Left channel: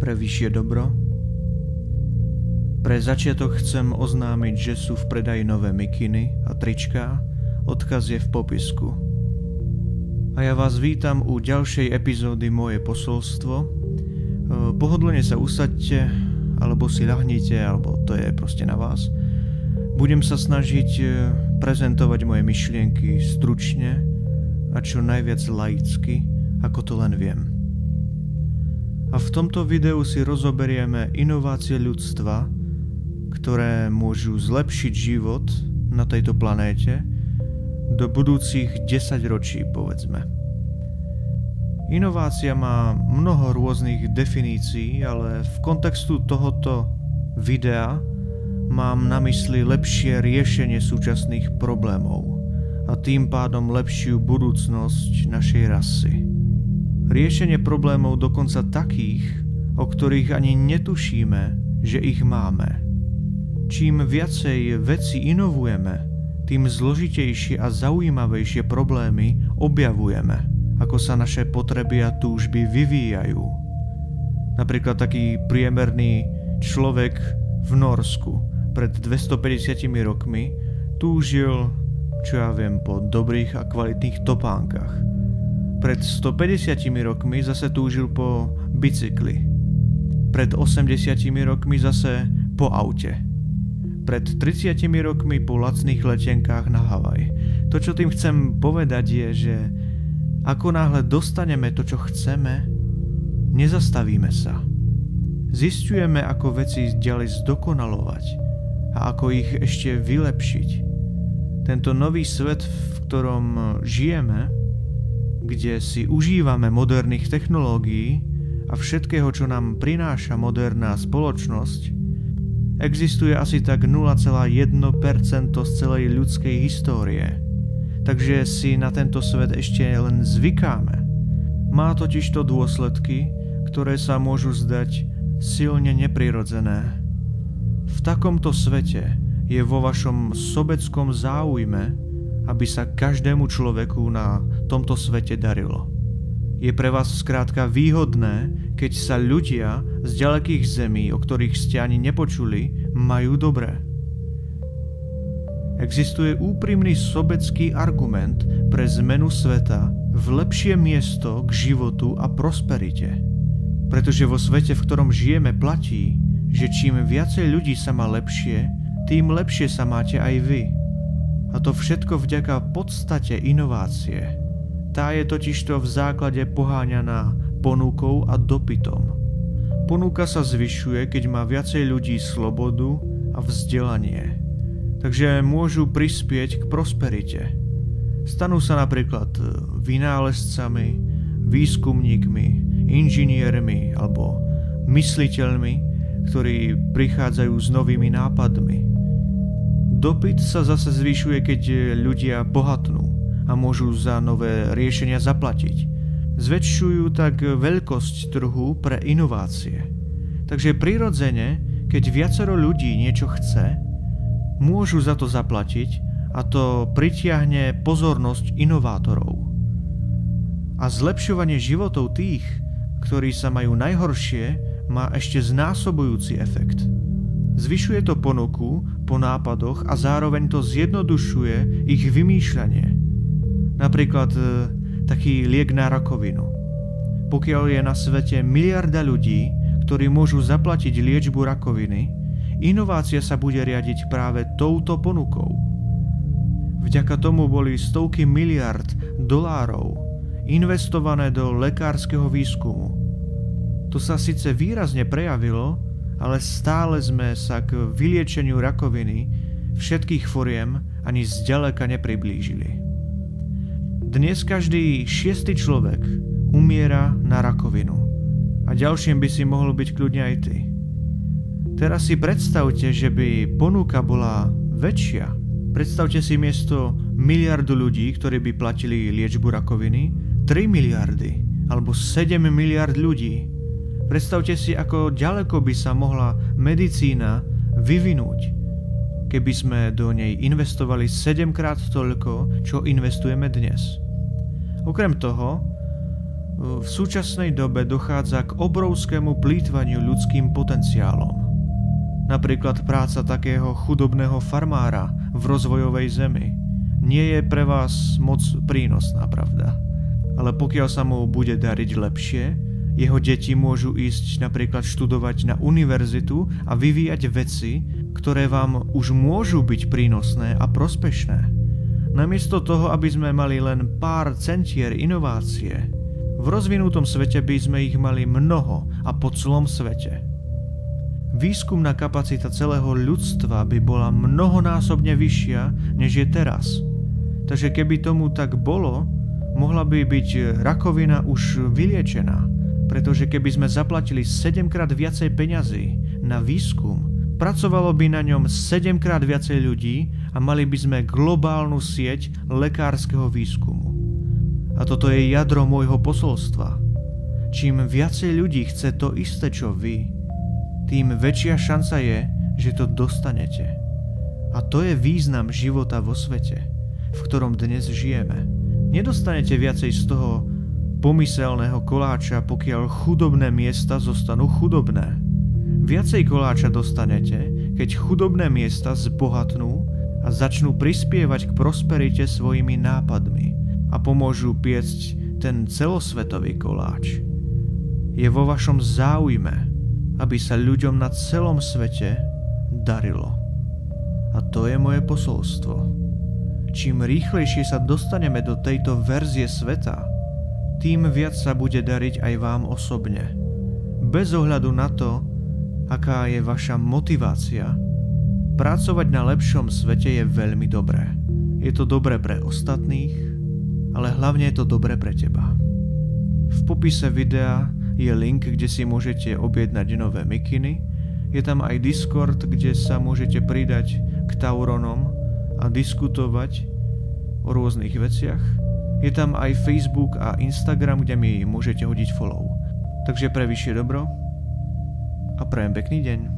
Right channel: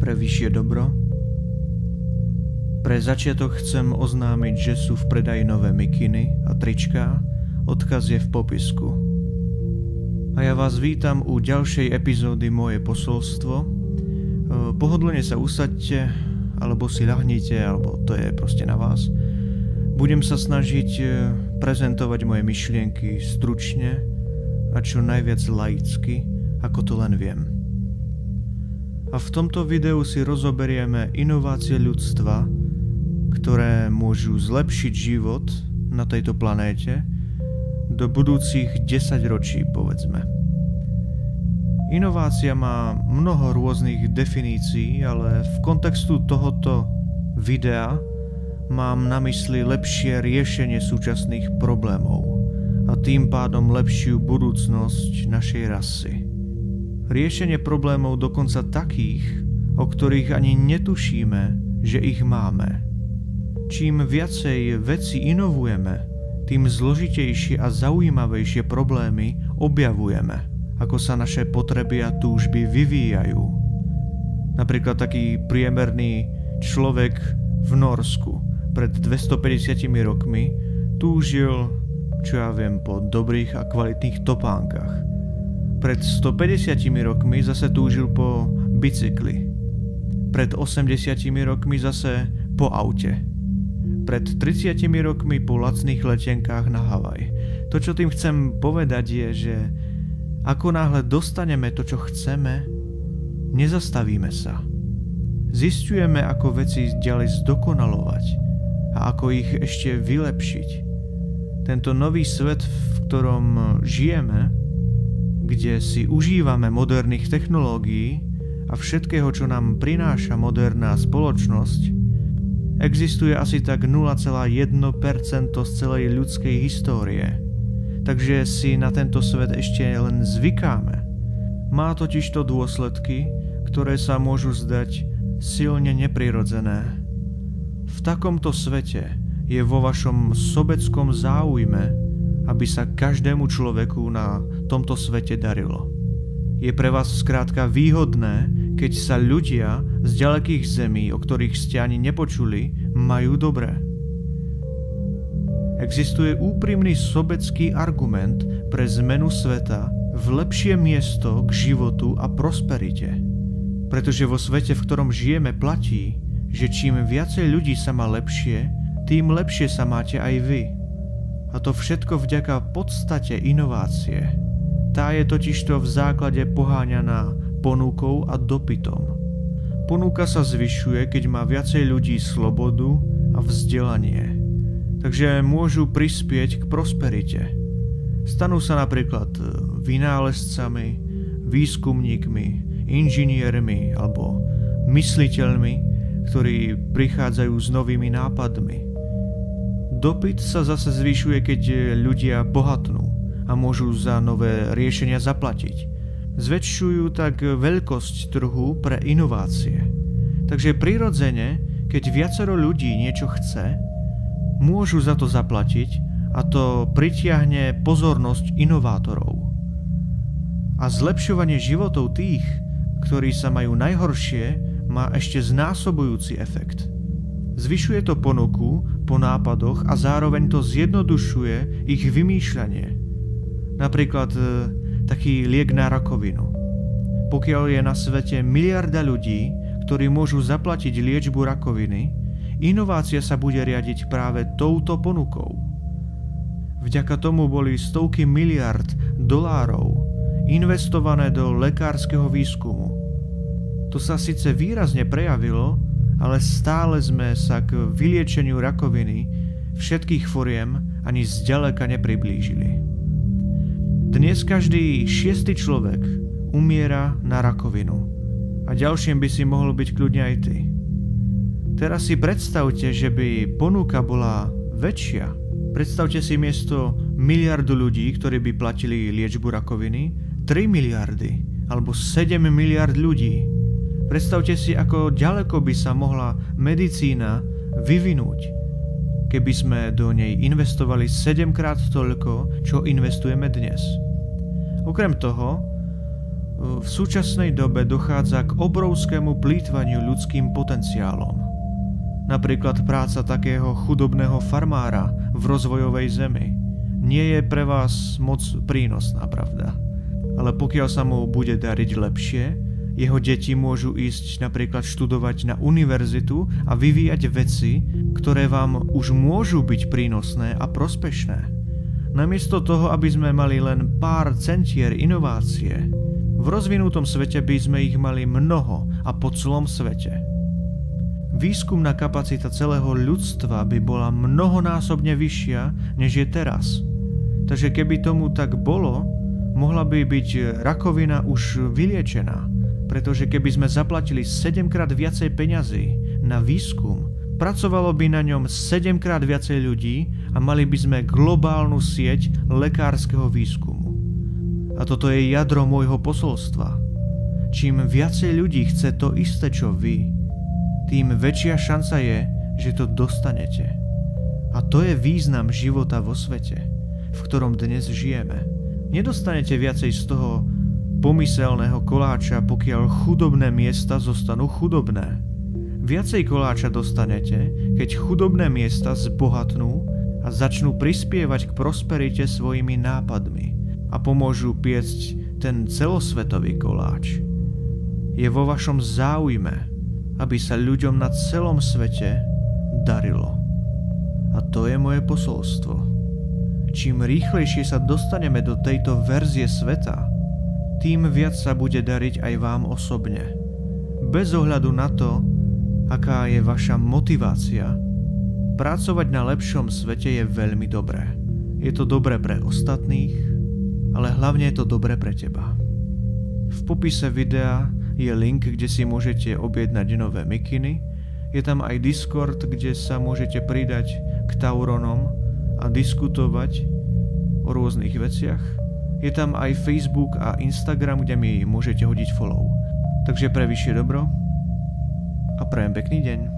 pre vyššie dobro. Pre začiatok chcem oznámiť, že sú v predaji nové mikiny a tričká, odkaz je v popisku. A ja vás vítam u ďalšej epizódy Moje posolstvo. Pohodlne sa usaďte, alebo si ľahnite, alebo to je proste na vás. Budem sa snažiť prezentovať moje myšlienky stručne a čo najviac laicky, ako to len viem. A v tomto videu si rozoberieme inovácie ľudstva, ktoré môžu zlepšiť život na tejto planéte do budúcich 10 ročí, povedzme. Inovácia má mnoho rôznych definícií, ale v kontextu tohoto videa mám na mysli lepšie riešenie súčasných problémov a tým pádom lepšiu budúcnosť našej rasy. Riešenie problémov dokonca takých, o ktorých ani netušíme, že ich máme. Čím viacej veci inovujeme, tým zložitejšie a zaujímavejšie problémy objavujeme, ako sa naše potreby a túžby vyvíjajú. Napríklad taký priemerný človek v Norsku pred 250 rokmi túžil, po dobrých a kvalitných topánkach. Pred 150 rokmi zase túžil po bicykli. Pred 80 rokmi zase po aute. Pred 30 rokmi po lacných letenkách na Havaj. To, čo tým chcem povedať, je, že ako náhle dostaneme to, čo chceme, nezastavíme sa. Zisťujeme, ako veci ďalej zdokonalovať a ako ich ešte vylepšiť. Tento nový svet, v ktorom žijeme, kde si užívame moderných technológií a všetkého, čo nám prináša moderná spoločnosť, existuje asi tak 0,1% z celej ľudskej histórie. Takže si na tento svet ešte len zvykáme. Má totižto dôsledky, ktoré sa môžu zdať silne neprirodzené. V takomto svete je vo vašom sobeckom záujme, aby sa každému človeku na tomto svete darilo. Je pre vás skrátka výhodné, keď sa ľudia z ďalekých zemí, o ktorých ste ani nepočuli, majú dobré. Existuje úprimný sobecký argument pre zmenu sveta v lepšie miesto k životu a prosperite. Pretože vo svete, v ktorom žijeme, platí, že čím viacej ľudí sa má lepšie, tým lepšie sa máte aj vy. A to všetko vďaka podstate inovácie. Tá je totižto v základe poháňaná ponukou a dopytom. Ponuka sa zvyšuje, keď má viacej ľudí slobodu a vzdelanie. Takže môžu prispieť k prosperite. Stanú sa napríklad vynálezcami, výskumníkmi, inžiniermi alebo mysliteľmi, ktorí prichádzajú s novými nápadmi. Dopyt sa zase zvyšuje, keď ľudia bohatnú a môžu za nové riešenia zaplatiť. Zväčšujú tak veľkosť trhu pre inovácie. Takže prirodzene, keď viacero ľudí niečo chce, môžu za to zaplatiť a to pritiahne pozornosť inovátorov. A zlepšovanie životov tých, ktorí sa majú najhoršie, má ešte znásobujúci efekt. Zvyšuje to ponuku po nápadoch a zároveň to zjednodušuje ich vymýšľanie. Napríklad taký liek na rakovinu. Pokiaľ je na svete miliarda ľudí, ktorí môžu zaplatiť liečbu rakoviny, inovácia sa bude riadiť práve touto ponukou. Vďaka tomu boli stovky miliard dolárov investované do lekárskeho výskumu. To sa síce výrazne prejavilo, ale stále sme sa k vyliečeniu rakoviny všetkých foriem ani zďaleka nepriblížili. Dnes každý 6. človek umiera na rakovinu a ďalším by si mohol byť kľudne aj ty. Teraz si predstavte, že by ponuka bola väčšia. Predstavte si miesto miliardu ľudí, ktorí by platili liečbu rakoviny, 3 miliardy alebo 7 miliard ľudí. Predstavte si, ako ďaleko by sa mohla medicína vyvinúť, keby sme do nej investovali 7-krát toľko, čo investujeme dnes. Okrem toho, V súčasnej dobe dochádza k obrovskému plýtvaniu ľudským potenciálom. Napríklad práca takého chudobného farmára v rozvojovej zemi nie je pre vás moc prínosná, pravda? Ale pokiaľ sa mu bude dariť lepšie, jeho deti môžu ísť napríklad študovať na univerzitu a vyvíjať veci, ktoré vám už môžu byť prínosné a prospešné. Namiesto toho, aby sme mali len pár centier inovácie, v rozvinutom svete by sme ich mali mnoho a po celom svete. Výskumná kapacita celého ľudstva by bola mnohonásobne vyššia, než je teraz. Takže keby tomu tak bolo, mohla by byť rakovina už vyliečená. Pretože keby sme zaplatili 7-krát viacej peňazí na výskum, pracovalo by na ňom 7-krát viacej ľudí a mali by sme globálnu sieť lekárskeho výskumu. A toto je jadro môjho posolstva. Čím viacej ľudí chce to isté, čo vy, tým väčšia šanca je, že to dostanete. A to je význam života vo svete, v ktorom dnes žijeme. Nedostanete viacej z toho pomyselného koláča, pokiaľ chudobné miesta zostanú chudobné. Viacej koláča dostanete, keď chudobné miesta zbohatnú a začnú prispievať k prosperite svojimi nápadmi a pomôžu piecť ten celosvetový koláč. Je vo vašom záujme, aby sa ľuďom na celom svete darilo. A to je moje posolstvo. Čím rýchlejšie sa dostaneme do tejto verzie sveta, tým viac sa bude dariť aj vám osobne. Bez ohľadu na to, aká je vaša motivácia, pracovať na lepšom svete je veľmi dobré. Je to dobré pre ostatných, ale hlavne je to dobré pre teba. V popise videa je link, kde si môžete objednať nové mikiny. Je tam aj Discord, kde sa môžete pridať k Tauronom a diskutovať o rôznych veciach. Je tam aj Facebook a Instagram, kde mi môžete hodiť follow. Takže pre vyššie dobro a prajem pekný deň.